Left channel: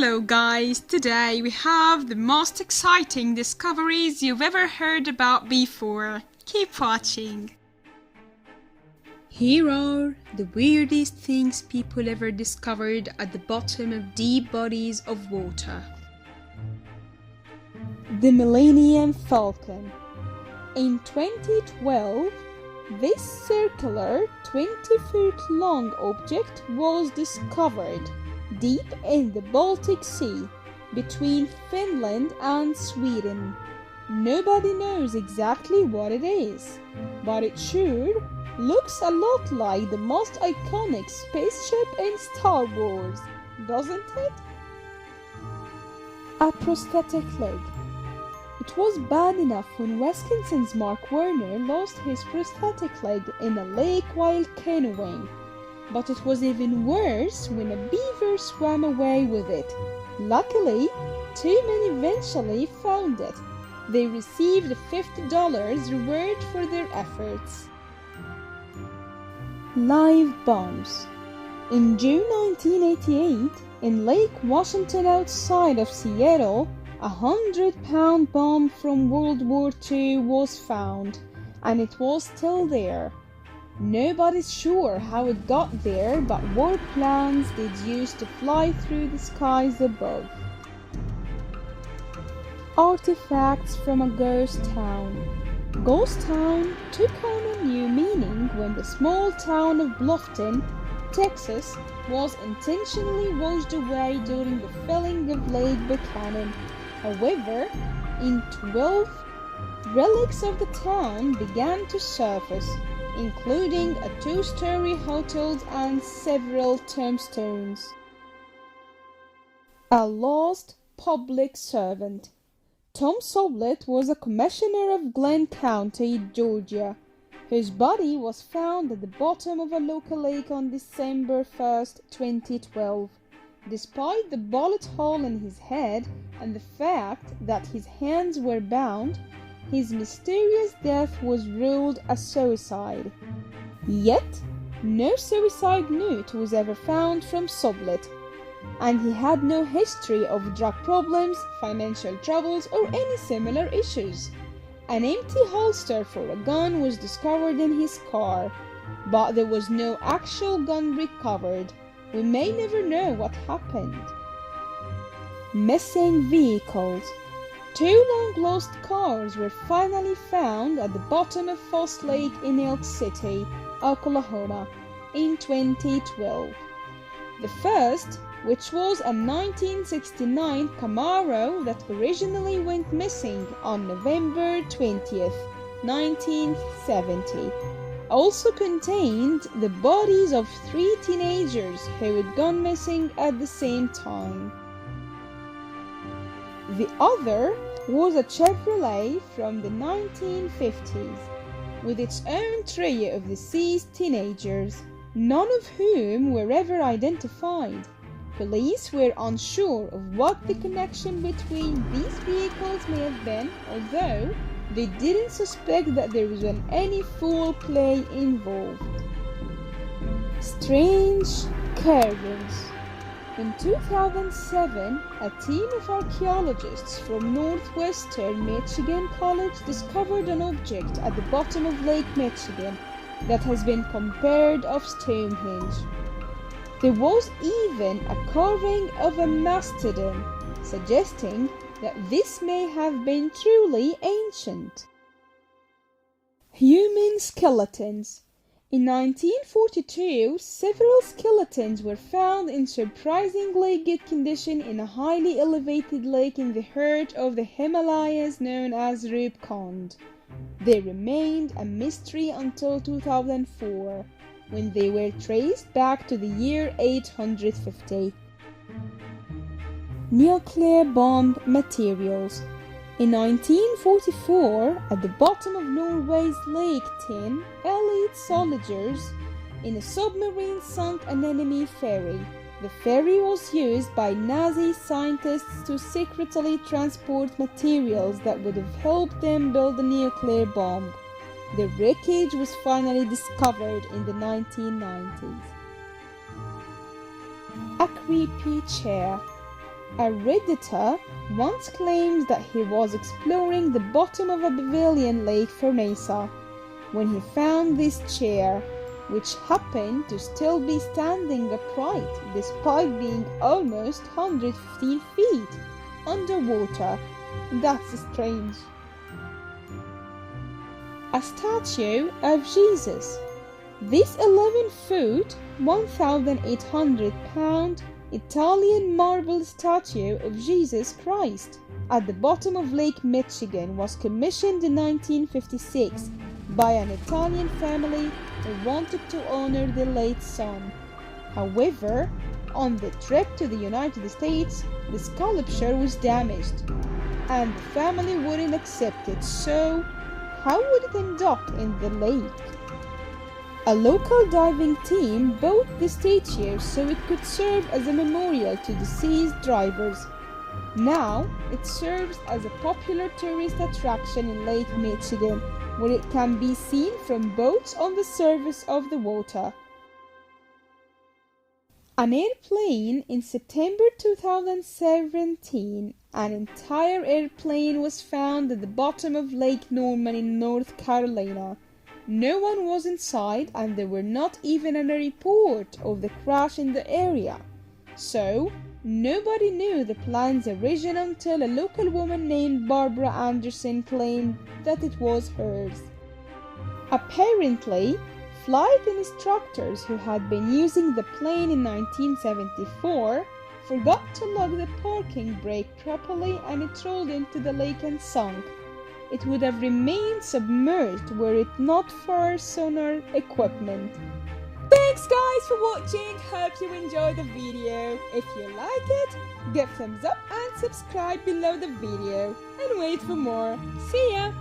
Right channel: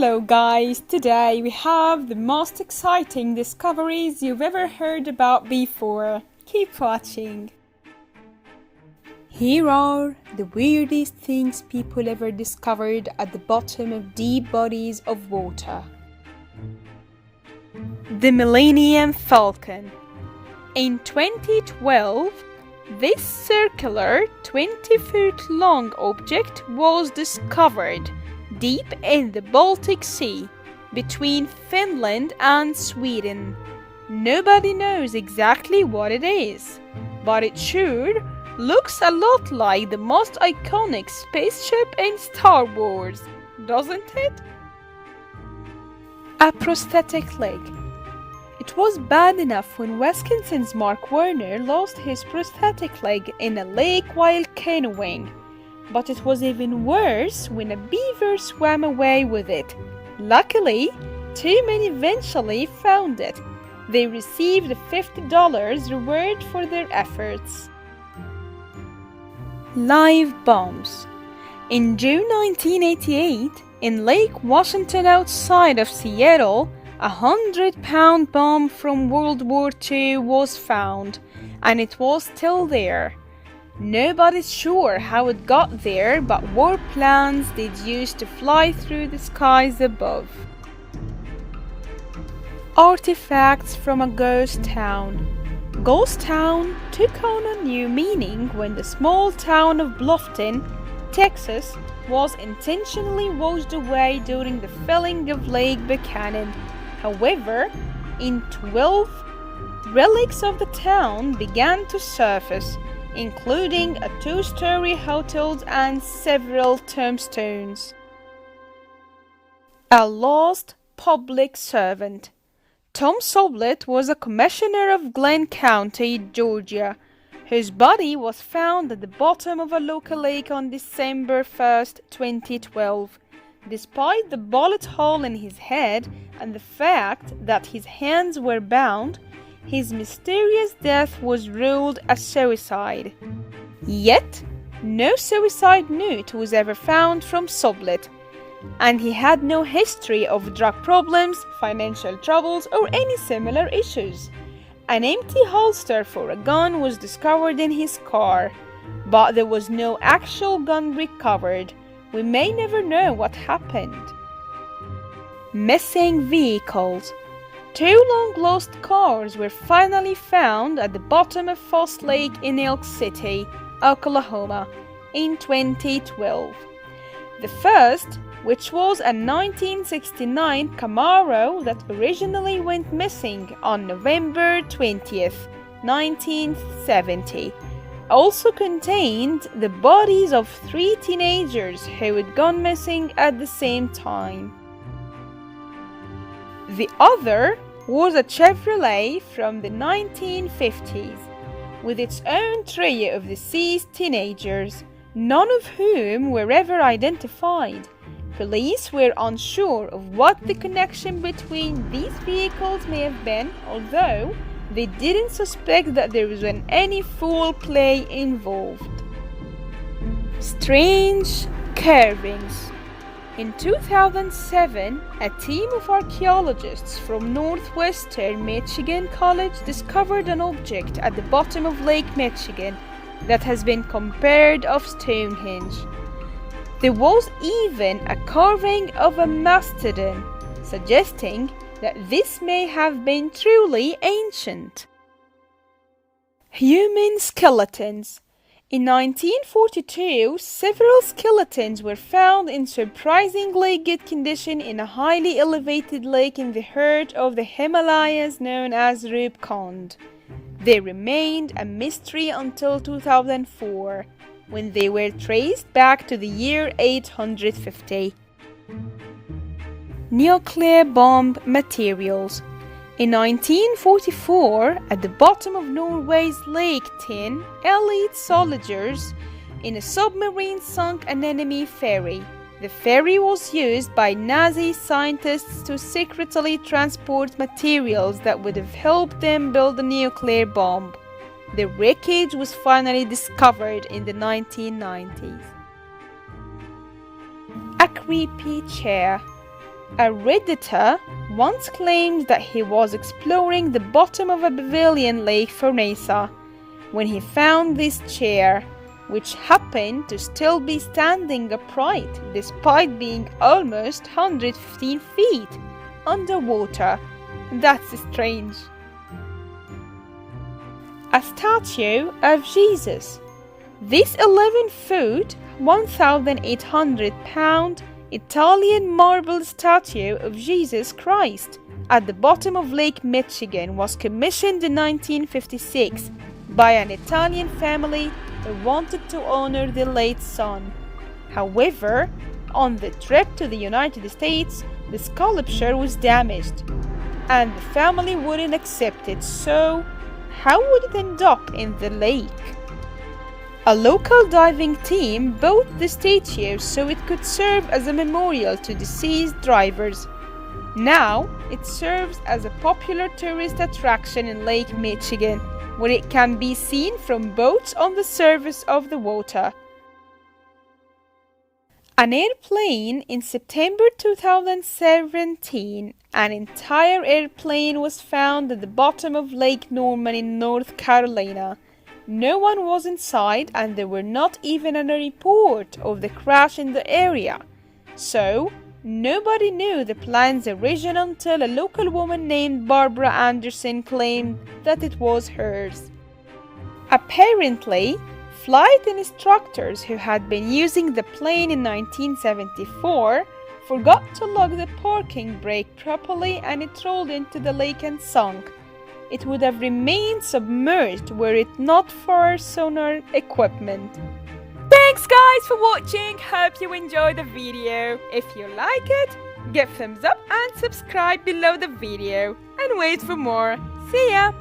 Hello guys, today we have the most exciting discoveries you've ever heard about before. Keep watching. Here are the weirdest things people ever discovered at the bottom of deep bodies of water. The Millennium Falcon. In 2012, this circular 20-foot-long object was discovered deep in the Baltic Sea, between Finland and Sweden. Nobody knows exactly what it is, but it sure looks a lot like the most iconic spaceship in Star Wars, doesn't it? A prosthetic leg. It was bad enough when Wisconsin's Mark Warner lost his prosthetic leg in a lake while canoeing. But it was even worse when a beaver swam away with it. Luckily, two men eventually found it. They received $50 reward for their efforts. Live bombs. In June 1988, in Lake Washington outside of Seattle, a 100-pound bomb from World War II was found, and it was still there. Nobody's sure how it got there, but war planes did use to fly through the skies above. Artifacts from a ghost town. Ghost town took on a new meaning when the small town of Bluffton, Texas, was intentionally washed away during the filling of Lake Buchanan. However, in 2012, relics of the town began to surface, including a two-story hotel and several tombstones. A lost public servant. Tom Sublett was a commissioner of Glenn County, Georgia, whose body was found at the bottom of a local lake on December 1, 2012. Despite the bullet hole in his head and the fact that his hands were bound, his mysterious death was ruled a suicide. Yet, no suicide note was ever found from Sublett, and he had no history of drug problems, financial troubles, or any similar issues. An empty holster for a gun was discovered in his car, but there was no actual gun recovered. We may never know what happened. Missing vehicles. Two long-lost cars were finally found at the bottom of Foss Lake in Elk City, Oklahoma, in 2012. The first, which was a 1969 Camaro that originally went missing on November 20th, 1970, also contained the bodies of three teenagers who had gone missing at the same time. The other was a Chevrolet from the 1950s, with its own trio of deceased teenagers, none of whom were ever identified. Police were unsure of what the connection between these vehicles may have been, although they didn't suspect that there was any foul play involved. Strange carvings. In 2007, a team of archaeologists from Northwestern Michigan College discovered an object at the bottom of Lake Michigan that has been compared of Stonehenge. There was even a carving of a mastodon, suggesting that this may have been truly ancient. Human skeletons. In 1942, several skeletons were found in surprisingly good condition in a highly elevated lake in the heart of the Himalayas known as Rupkund. They remained a mystery until 2004, when they were traced back to the year 850. Nuclear bomb materials. In 1944, at the bottom of Norway's Lake Tinn, elite soldiers in a submarine sunk an enemy ferry. The ferry was used by Nazi scientists to secretly transport materials that would have helped them build a nuclear bomb. The wreckage was finally discovered in the 1990s. A creepy chair. A Redditor once claimed that he was exploring the bottom of a Bavilion lake for NASA when he found this chair, which happened to still be standing upright despite being almost 115 feet underwater. That's strange. A statue of Jesus. This 11-foot, 1,800-pound Italian marble statue of Jesus Christ at the bottom of Lake Michigan was commissioned in 1956 by an Italian family who wanted to honor their late son. However, on the trip to the United States, the sculpture was damaged, and the family wouldn't accept it, so how would it end up in the lake? A local diving team bought the statue so it could serve as a memorial to deceased divers. Now, it serves as a popular tourist attraction in Lake Michigan, where it can be seen from boats on the surface of the water. An airplane in September 2017. An entire airplane was found at the bottom of Lake Norman in North Carolina. No one was inside, and there were not even any report of the crash in the area. So, nobody knew the plane's origin until a local woman named Barbara Anderson claimed that it was hers. Apparently, flight instructors who had been using the plane in 1974 forgot to lock the parking brake properly, and it rolled into the lake and sunk. It would have remained submerged were it not for sonar equipment. Thanks guys for watching, hope you enjoyed the video. If you like it, give thumbs up and subscribe below the video and wait for more. See ya!